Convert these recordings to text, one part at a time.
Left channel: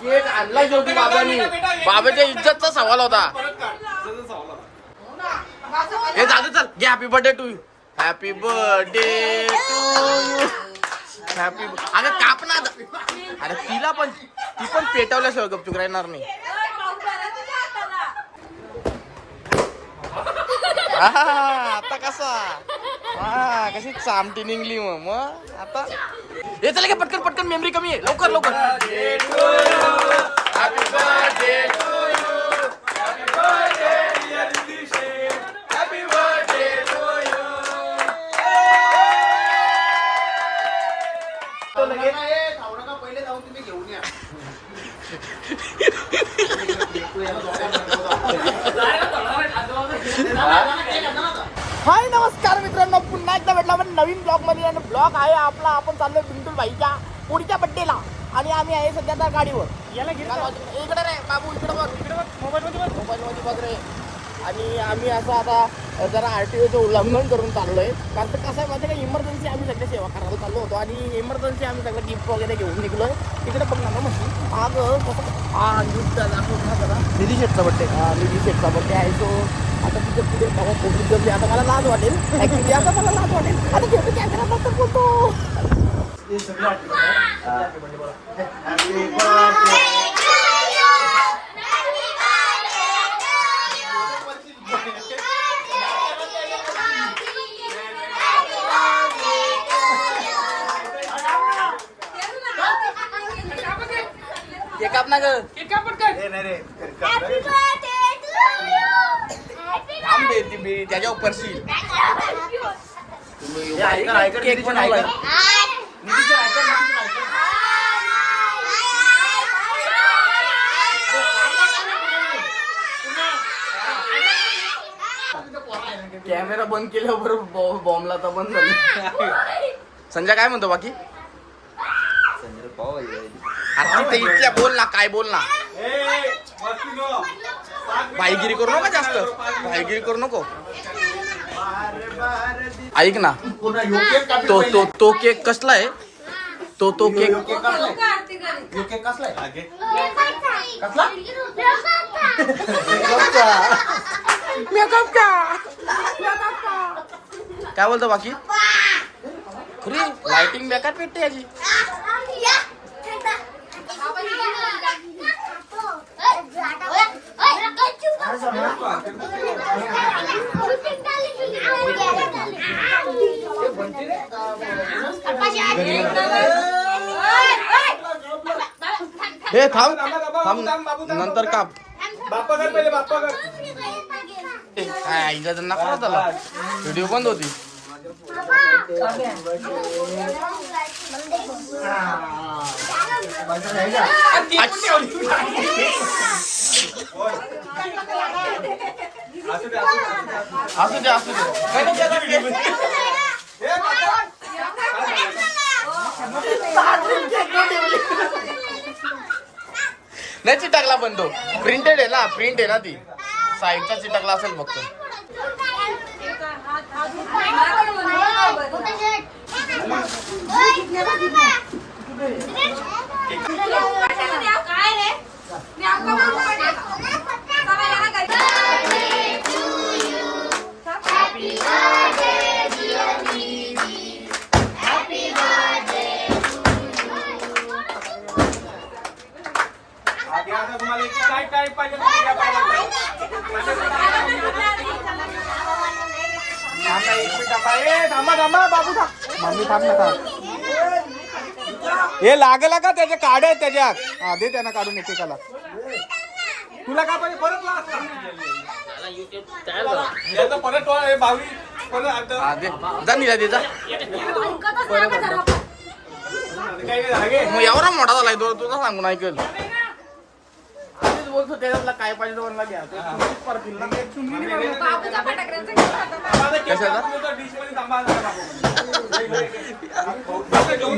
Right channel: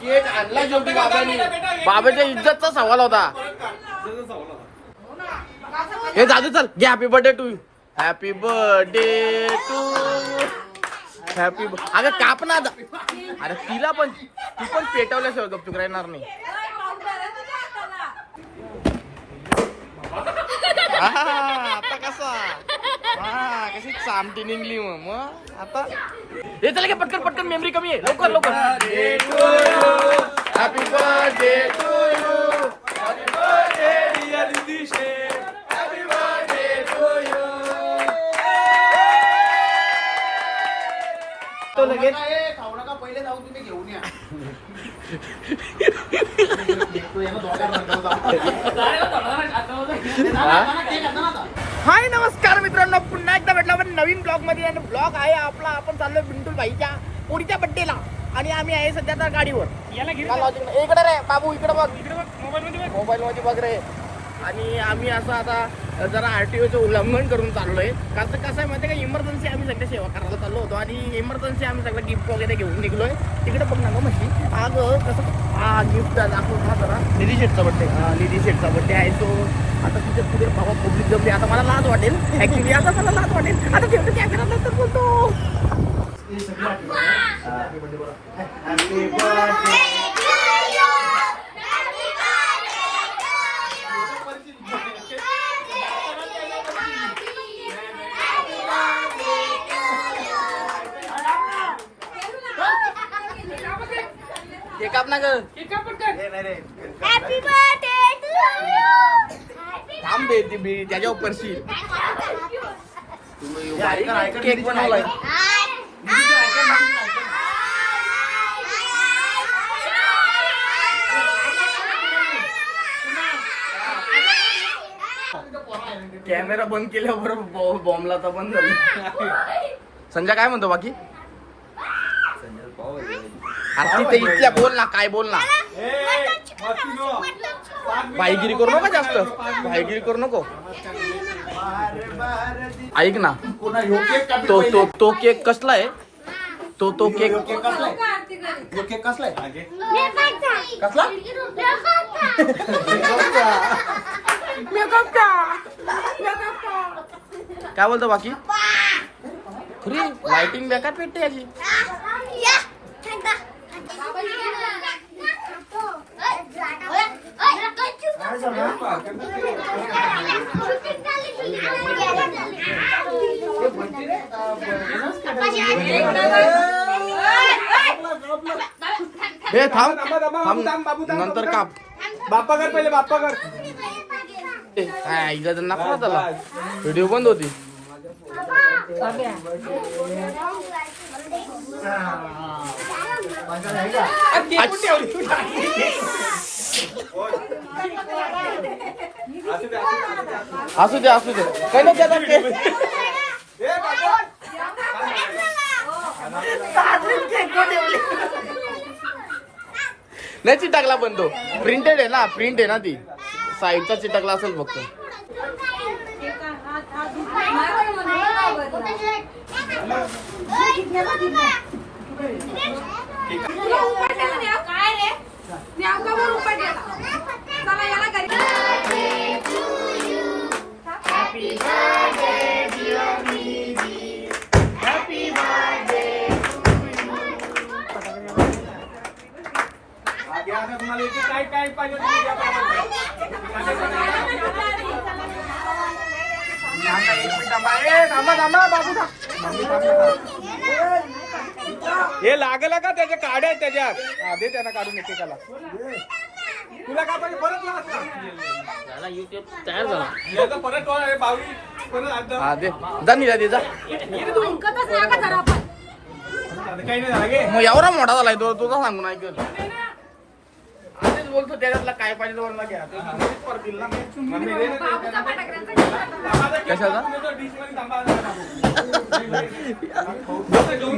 Cake आणला शेवटी बाबांनी. बाबाच्या इज्जतचा सवाल होता. हे जाऊ चल घे happy birthday to you happy birthday to you happy अगं काप ना अरे तिला पण ती पण पेटवल्याशिवाय गपचूक राहणार नाही. आता कसा? हा कशी चामटी निघली मग मग? आता? हे चला की पटकन पटकन मेमरी कमी आहे. लवकर लवकर हाय नमस्कार मित्रांनो पुन्हा एकदा भेटला आपण नवीन ब्लॉगमध्ये आणि ब्लॉग आहे आपला आपण चाललोय बिंटूल भाईच्या पोरीच्या बड्डेला आणि आहे त्या गाडीवर. याला घे इकडे रे बाबू इकडे बघ. मोबाईल मध्ये बघ. मोबाईल मध्ये बघ रे. आणि आम्ही असं आता जरा आरटीओचं उल्लंघन करून चाललोय. कारण तर कसं आहे माहिती आहे का? इमर्जन्सी आम्ही सगळे सेवा करायला चाललो होतो. आणि इमर्जन्सी आम्ही सगळं गिफ्ट वगैरे घेऊन निघलोय. तिकडे बघ ना गं म्हशी. आज कसं हा गिफ्ट दाखवून ना जरा. निधी शेटचा बड्डे निधी शेटचा बड्डे आहे. तो आता तिथे पुढे बाबा पब्लिक जमली. आता मला लाज वाटेल. ऍक्च्युली आता मला लाज वाटेल. आता ठेवतो कॅमेरा नंतर बोलतो ते काप ना ग थांब बे ती बी त्याच्या उपरशील तुम्ही बारीक केक बनवलाय. कॅमेरा बंद केल्यावर बॉ- बॉम्बला तर बंद झालं. संजय काय म्हणतो बाकी? अरे तिथे इथल्या बोल ना काय बोल ना. भाईगिरी करू नका जास्त. भाईगिरी करू नको. ऐक ना तो तो तो केक कसला आहे? तो तो केक मेकअप का काय बोलतो बाकी खरी लाइटिंग बेकार पेटते याची हे थांब थांब नंतर काप बाप्पा कर पहिले बाप्पा कर काय आईला तर नका त्याला व्हिडिओ बंद होती असू दे असू दे नाही टाकला पण तो प्रिंटेड आहे ना प्रिंट आहे ना ती साईडचा चिटकला असेल फक्त. काय रे? थांबा, थांबा. बाबू. हे लागला का त्याचे काढे आहेत त्याच्यात? हा दे त्यांना काढून येते त्याला तुला परत हे दे. जा निला दे जा. काही नाही झालं गे. मग एवढा मोठा झालाय तो तुझा सांगून ऐकल. आधीच बोलतो त्याच्यातला काय पाहिजे तो म्हणला घ्या. तो तुम्हीच पारतील ना. कशाचा?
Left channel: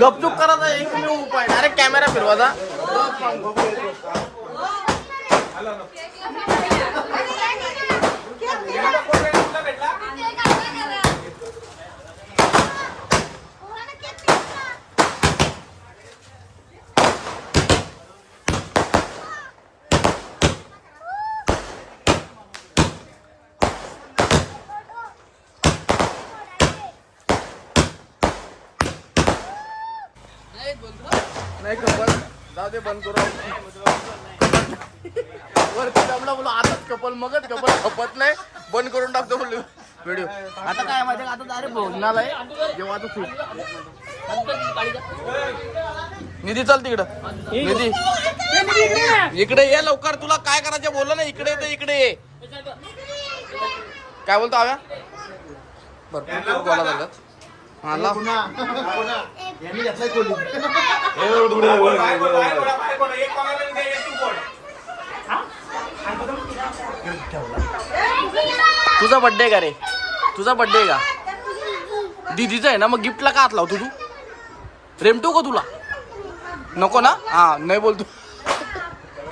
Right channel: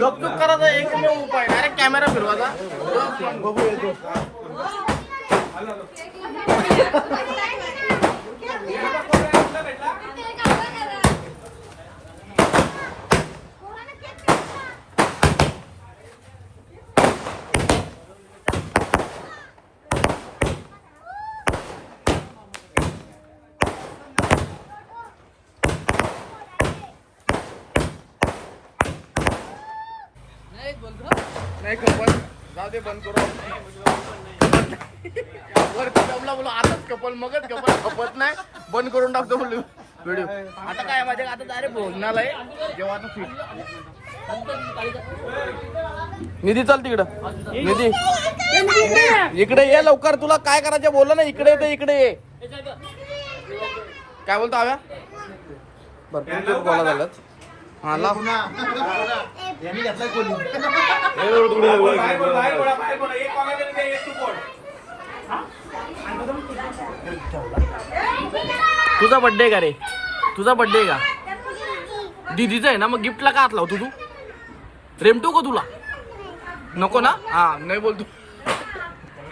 गपचूप करायचा एकमेव उपाय. डायरेक्ट कॅमेरा फिरवायचा गप. नाही कपल जाऊ दे बंद करू वरती जमला बोलू आताच कपल मगच कपल. खपत नाही बंद करून टाकतो बोलू. व्हिडिओ. आता काय माहिती आता अरे भोजनालय जेव्हा फिट निधी चल तिकडं. निधी. इकडे ये लवकर तुला काय करायचं बोललं ना इकडे तर इकडे ये. काय बोलतो आव्या? भरपूर खूप हा लाव तुझा बड्डे का रे? तुझा बड्डे का? दीदीचा आहे ना मग गिफ्टला का हात लावतो तू रेमटो का तुला? नको ना? हा नाही बोलतो.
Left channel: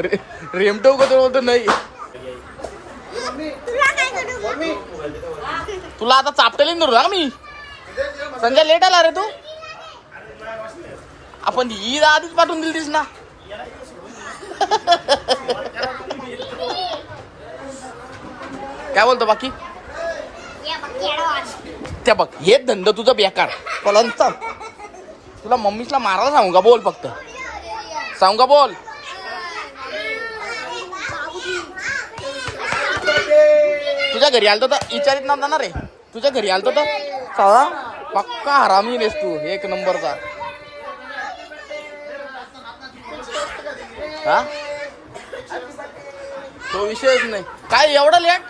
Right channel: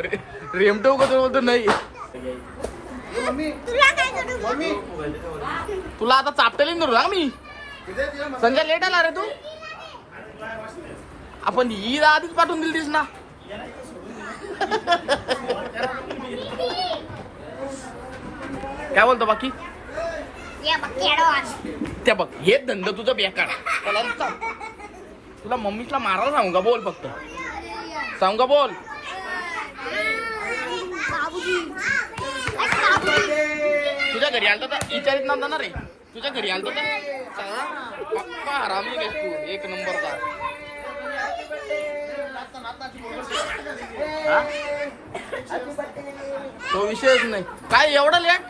रे- रेमटो का तुला बोलतो? नाही. तुला आता चापटेल धरू ना मी? संजय लेट आला रे तू? आपण ईद आधीच पाठवून दिली ना. काय बोलतो बाकी? त्या बघ हे धंदा तुझा बेकार. पलंत तुला मम्मीला मारायला सांगू का? बोल फक्त. सांगू का? बोल. तुझ्या घरी आलतो तर विचारित नव्हता ना रे. तुझ्या घरी आलतो तर? साळा पक्का हरामी रेस तू एक नंबरचा. हा? तो विषयच नाही. काय एवढा लेट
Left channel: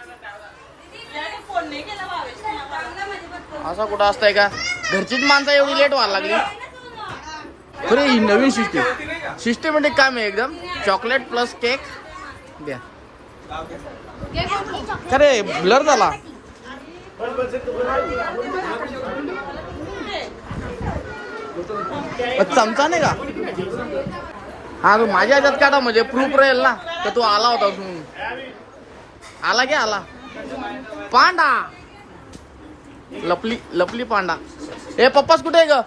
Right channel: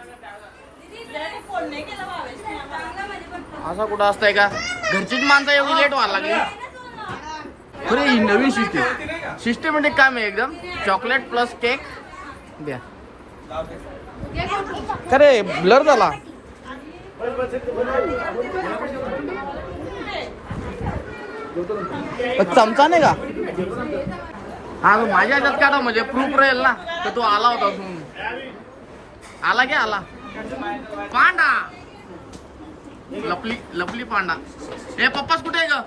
असा कुठं असतंय का? घरचीच माणसं एवढी लेट व्हायला लागली. खरे ही नवीन सिस्टीम सिस्टमॅटिक काम आहे एकदम. चॉकलेट प्लस केक द्या. खरे ब्लर झाला. चमचा नाही का? हा तू माझ्या ह्याच्यात काढा म्हणजे प्रूफ राहील ना. तर तू आला होता म्हणून आला की आला? पांडा! लपली लपली पांडा. ए पप्पाच कुठे आहे ग?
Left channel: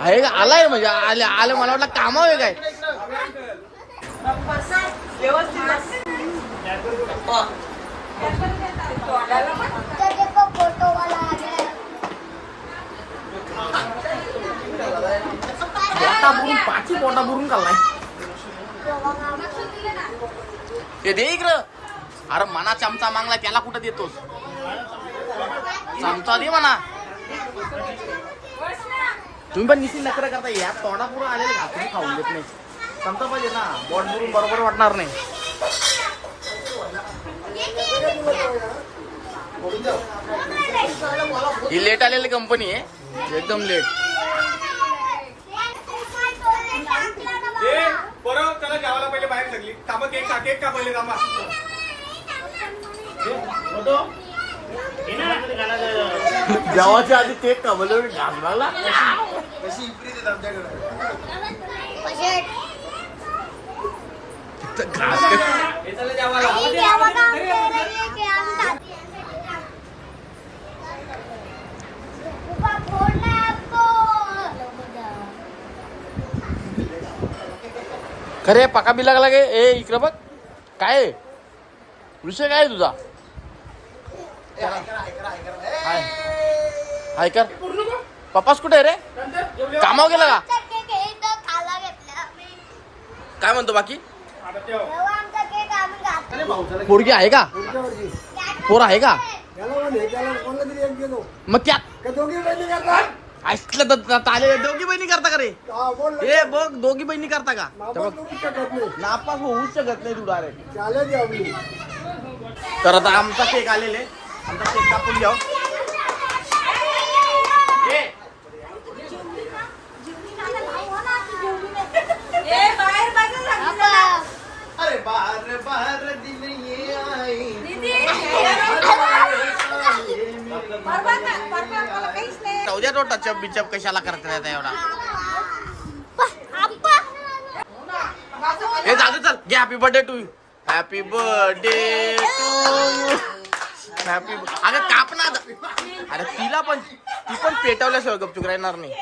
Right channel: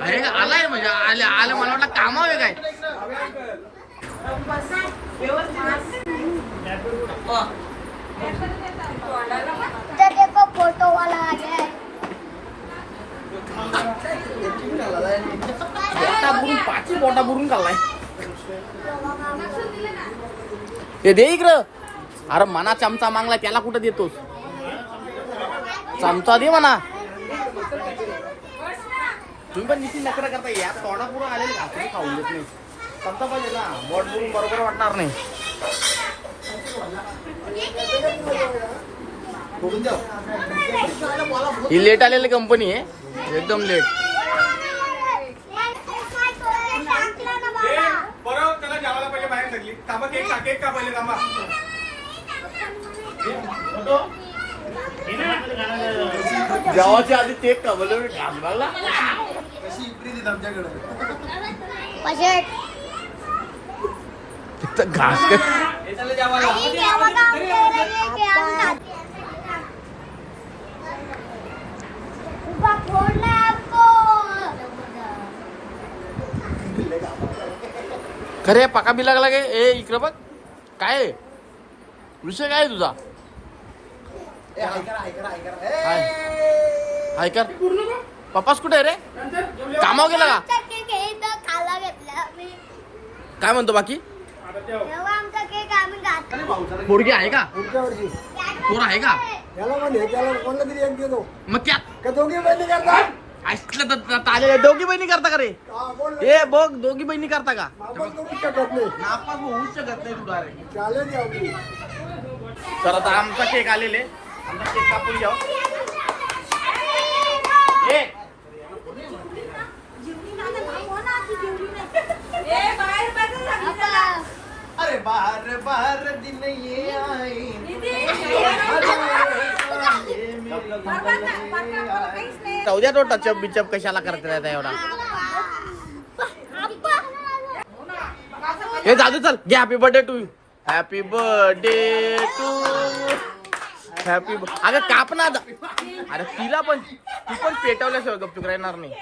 आहे का आलाय म्हणजे आले आले मला वाटलं कामाव आहे काय? बोटा बुरून पाठी बोटा बुरून काढलाय हे दे इकडं. अरे मना चमचा मागला त्याला कुठं देतोस? चमचा दे म्हणा तुम्ही पण निश्चित नखरं करता या तोंडा पुरं आलेले घातून खाऊन देत नाही. चमचा पाहिजे ना. बोट बुरून बरोबर वाटणार नाही. ही लेट आलेली कंपनी आहे. एकदम लेट केक का का जेवाच्या आधी ते कमल घाबराला. घास खरे पका बी लागला गे ए इकडं बघ. काय? विषय काय आहे तुझा? हाय. हाय कर. पप्पाच कुठे आहे रे? कामावर गेला का? काय म्हणतो बाकी? पोरगी आहे का? पोर आहे का? मग त्या का दोघी बहिणी करता ऐकलं तर ताले दोघी बहिणी करता का रे? हा, बघ दोघी बहिणी करता का? नापास होऊच शकत नाही. तू डायरेक्ट चालेल की आपली. तर आता आमचा केक आलेले. आमचा केक कापून घ्या ए, अरे बाहर बाहर दिन ये आई जाऊ द्या तो टचअप बिचअप कशाला करत राहता एवढा. हे जाऊ चल घे happy birthday to you happy birthday to you happy अगं काप ना आता. अरे तिला पण ती पण पेटवल्याशिवाय गपचूक राहणार नाही.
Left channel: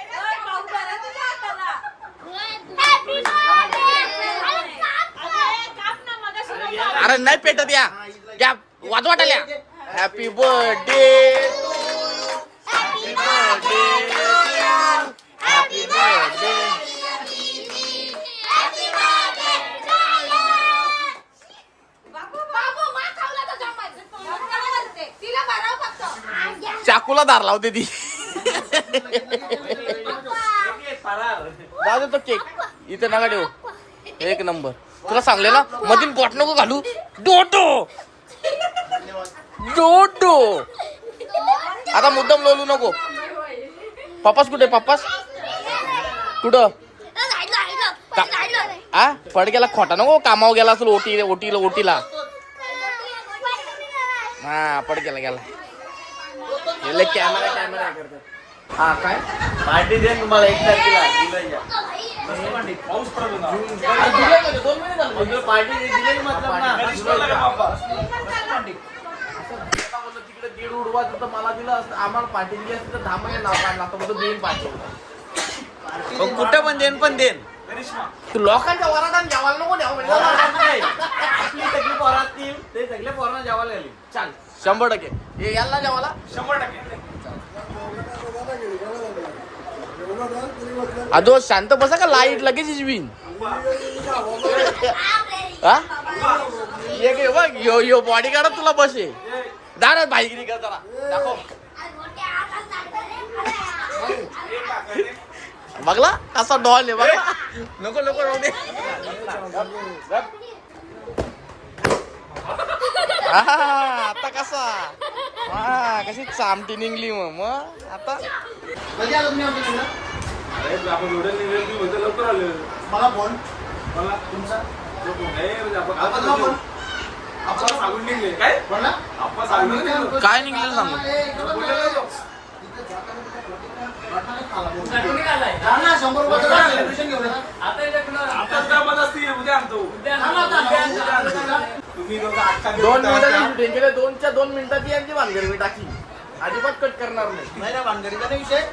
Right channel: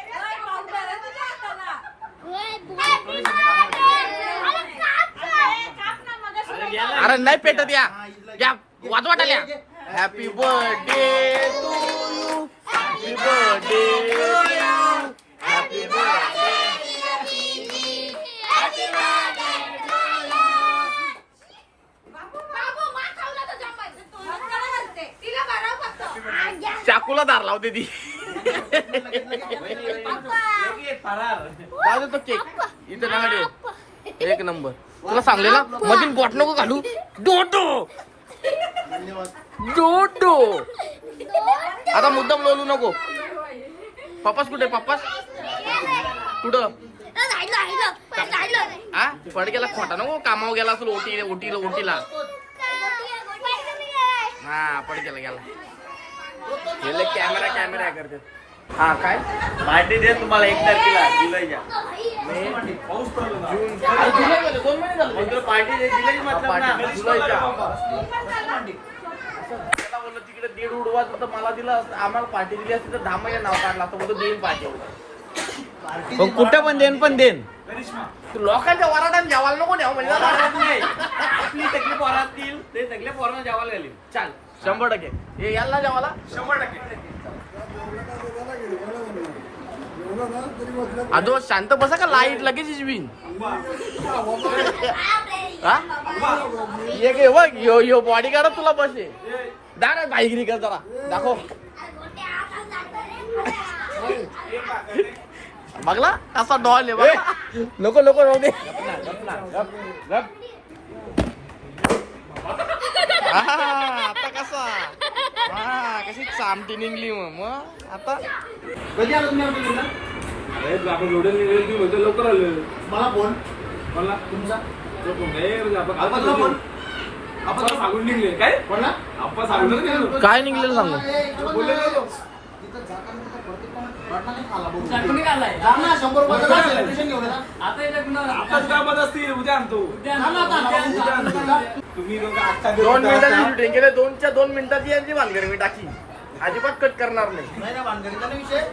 अरे नाही पेटत या. त्या वाजवाटाल्या happy birthday happy birthday happy birthday चाकूला दार लावते ती दादा तो केक. इथं नका ठेव. एक नंबर. तुला सांगले ना मधील बॉट नको घालू. डोटो डोटो आता मुद्दाम लोलू नको. पप्पास कुठे पप्पास? कुठं? आ? पड गेला खोटा नको कामावर गेला असेल ओटी ओटीला ओटीला. हा पड गेला गेला. गेले कॅमेरा कॅमेरा करते हा काय? पार्टी दे तुम्हाला एक तारखेला जुलैच्या. दोन महिने झाले पार्टी दे दिली मतलब ना जुलैच्या असं त्याला बोललं तिकडे दीड उडवायचं तर मला दिलं असतं आम्हाला पार्टी दिली असती तर दहा महिने नाव काढलं असतं बोलतो देईन पार्टी कुठं पण देन पण देन तू लोकांच्या वराडात जेवायला नको द्यावं म्हणजे नाही. आपली सगळी पोरं असतील ते सगळे पोरांना जेवायला आली चाल. शंभर टक्के. हे याला जेवायला अदो शांत बसा का? लाइट लगेच इजवीन हा? ये गे बघ यो यो बॉडी गार्ड तुला बसे दार बाईक कर जरा. दाखव. बघला कसा डॉल आहे बघा. नको नको राहू दे. आता कसा? हा कशी चामटी निघली मग आता. तुम्ही आमच्या लवकर आले. मला फोन. मला तुमचा नाही आपण आपण. आपण सांगून निघले. काय? कोणला? आपण सांगून निघलो. काय निघलेलं सांगू? बोलले नाही तो. जा ना, शंभर रुपयाचं celebration घेऊन जा. आताच कामात असतील उद्या आणतो. उद्या आणतो. तुम्ही लोकं आजच्या दिवस दोन मिनिटाची शूटिंग केले दोनच्या दोन मिनिटाची यांची भानगड मी टाकी. अजिबात कट करणार नाही. नाही रे, भानगडीचा नाही विषय.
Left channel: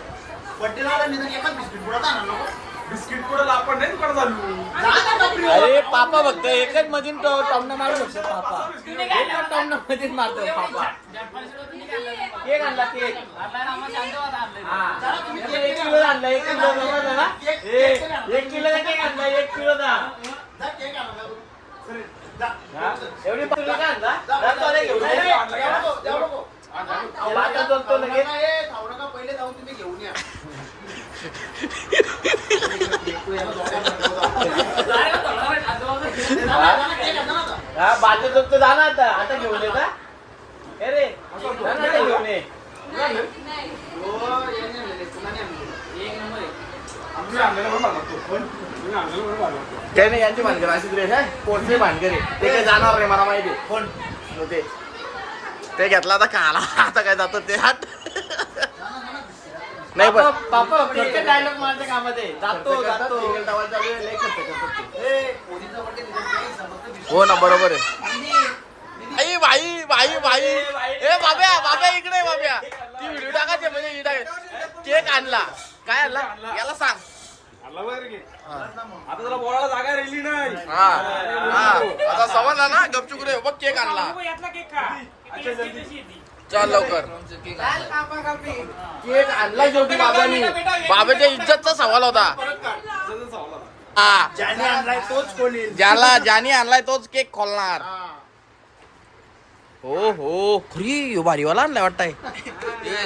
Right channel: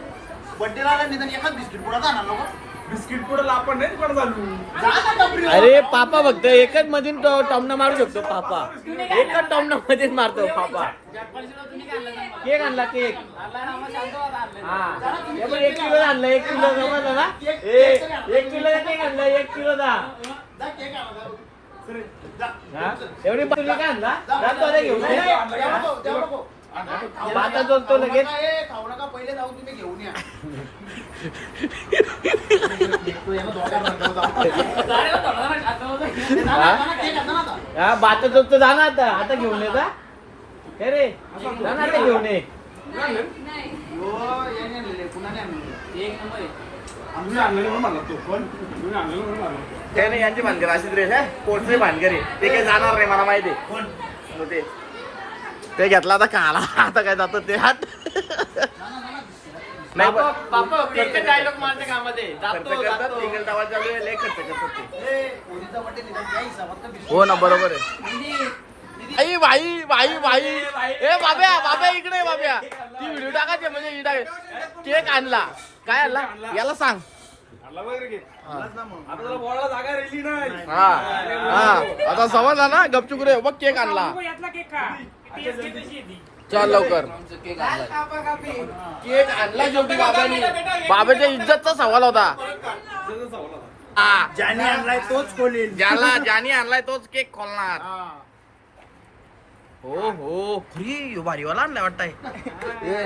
बड्डेला आला निदान एकच बिस्किट पुढं जाणार लोकं. बिस्किट पुढे आपण नाही कोण चालू जा ना टपरीवर. अरे पापा फक्त एकच मधून तो टॉमना मारू शकतो पापा. एकच टॉमना मध्ये मारतो पापा. केक आणला केक. हा. एक किलो आणला एक किलो आणला एक किलो केक आणला एक किलो दा जा, केक आणा, जा. हा? एवढी तुम्ही काय आणला? घेऊन पहिले जाऊन तुम्ही घेऊन या. आता. हा बात घेऊन ये का रे घेऊन ये. हो, हे नाही यांची भानगड अशीच रे है? भानगड आहे. ते काही जाणार नाही मला माहिती आहे. हो ते. ते घेतला आता काला. आता काय जातं ते हात. नाही पण डायलॉग मारते कामामध्ये. खर्च जातो करतात जातो. सिंगल चालू आहे लय खर्च करतात ते. हो ना बरोबर आहे. आई भाई भाई भाई. ए बाब्या बाब्या इकडे बाब्या. ती व्हिडिओ टाकायची म्हणजे ही केक आणला. काय आणला? याला सांग. हा. आता हा. हा. समज ना गपचूक रे बघ केक आणला. चल लवकर. केक आणला शेवटी बाबांनी. बाबाच्या इज्जतचा सवाल होता. हा. ज्याने आणलाय तोच कोणी ज्याला ज्याने आणलाय तोच केक खोलणार. हो हो. खरी ह्यो भारीवाला आणलाय वाटतंय.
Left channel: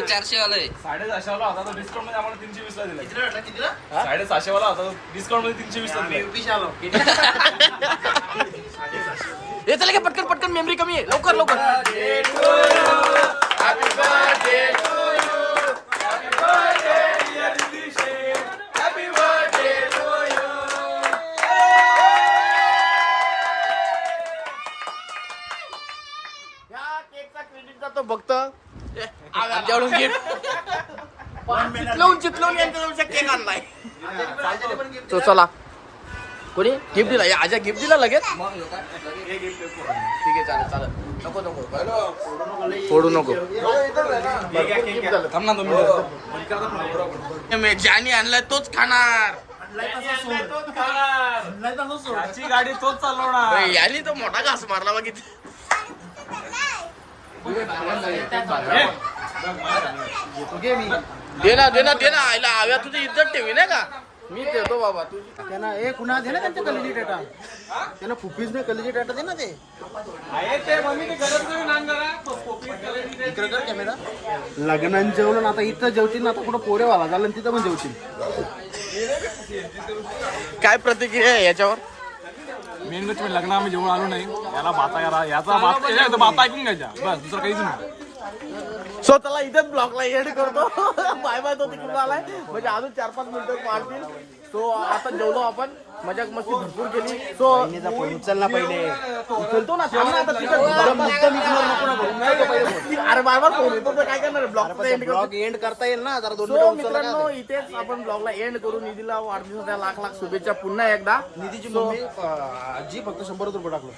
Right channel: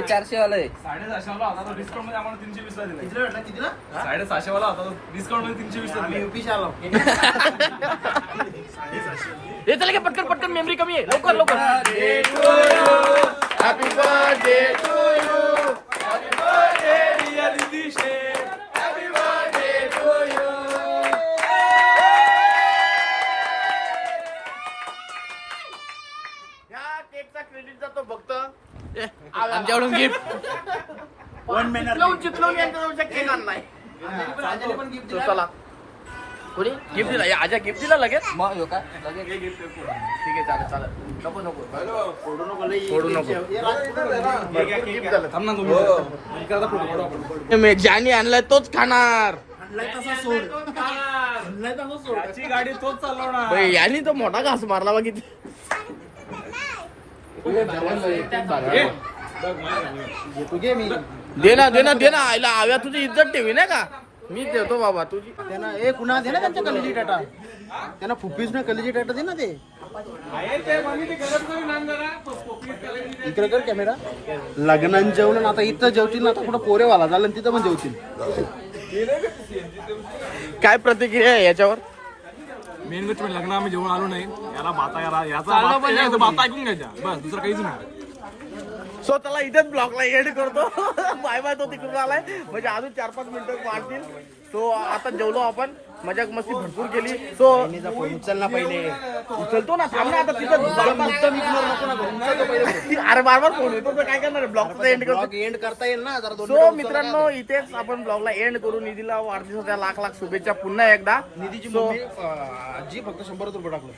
चारशे वाला आहे. साडेसहाशे वाला होता तो डिस्काउंटमध्ये आम्हाला तीनशे वीस ला दिला. कितीला? साडेसहाशे वाला होता डिस्काउंटमध्ये तीनशे वीस ला दिला. हे चला की पटकन पटकन मेमरी कमी आहे लवकर लवकर। ह्या केकचा क्रेडिट जातो फक्त आव्याला. चितलवून चितलवून यांच्याजवळचा केक आणलाय. तो चला. कोणी? गिफ्ट दिला. या आजा गिफ्ट दिला लगेच? ठीक आहे चालेल चालेल. नको नको. फोडू नको. भरपूर gift झालं. थांब ना तुम्ही मे ज्याने आणलाय तोच खाणार. गाडी तोच चालवणार. ए, याने तो मोठा घास मारला बघित तू घे मी. दे ना दे ना दे ना. आईला आव्या तुझी इज्जत ठेवी नाही का? मी देतो बाबा तुझी त्यांना ए कुणा दे ना त्यांच्या कलेजी टाटा. त्यांना फुप्पीच ना कलेजी टाटा दे ना ते. इकडे कर कॅमेरा लग्नात जेवलं ना आता इथं जेवतील ना आता कुठं पोरेवाला झालं तिथं पण जेवतील काय प्रतिक्रिया आहे याच्यावर? मेन म्हणजे लग्न आम्ही जेवण आलो नाही. याला बाता करा याचा बाता याचा बाता ऐकून घ्यायच्या बस दुसरं काहीच नाही. सो चला इथेच ब्लॉगला एड करतो. बाय बाय तो तिकडून आलाय. म्हणजे अजून चार पाच मिनिटं वाढतील. सो आता जेवलो आपण. मजा मस्ती भरपूर केली. सो उचल ना पहिले. उचलतो ना थांब ना आता तिथं बार बार अरे बार बार फोन येतो तर काय करणार? ब्लॉगचा एंड करतो. एंड करता येईल ना सो मित्रांनो इथेच आपण ब्लॉगला एंड करू. निधीला वाढदिवसाच्या लाख लाख शुभेच्छा पुन्हा एकदा. निधीची आजी फक्त शंभर रुपये टाकलं.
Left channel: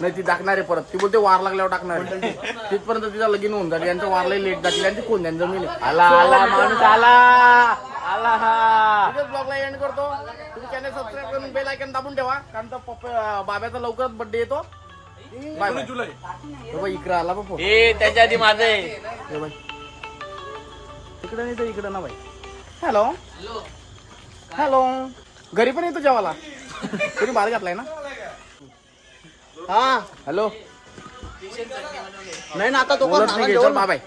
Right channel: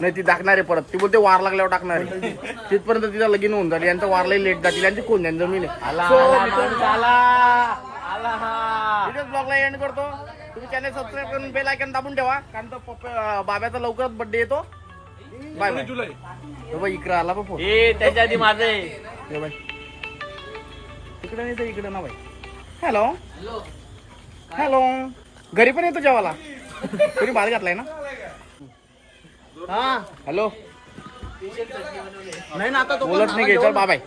नाही ती टाकणार आहे परत. ती बोलते वार लागल्यावर टाकणार आहे. तिथपर्यंत तिचा लगीन होऊन जाईल. यांचं वारलाही लेट जातील. यांची कोण? जमीन आहे सो मित्रांनो ब्लॉगला एंड करतो. तुम्ही चॅनल सबस्क्राईब करून बेल आयकन दाबून ठेवा कारण तर पप्पा बाब्याचा लवकरच बर्थडे येतो. बाय बाय जुलै. बाई इकडे आला बा फोन ए त्याच्या आधी माझे बाई. तिकडे नाही तर इकडे ना बाई. हॅलो हॅलो घरी पण येतो जेवाला कोणी बाहेर घातलाय ना? हा. हॅलो नाही ना आता तो बोलत नाही घे चल बाय बाय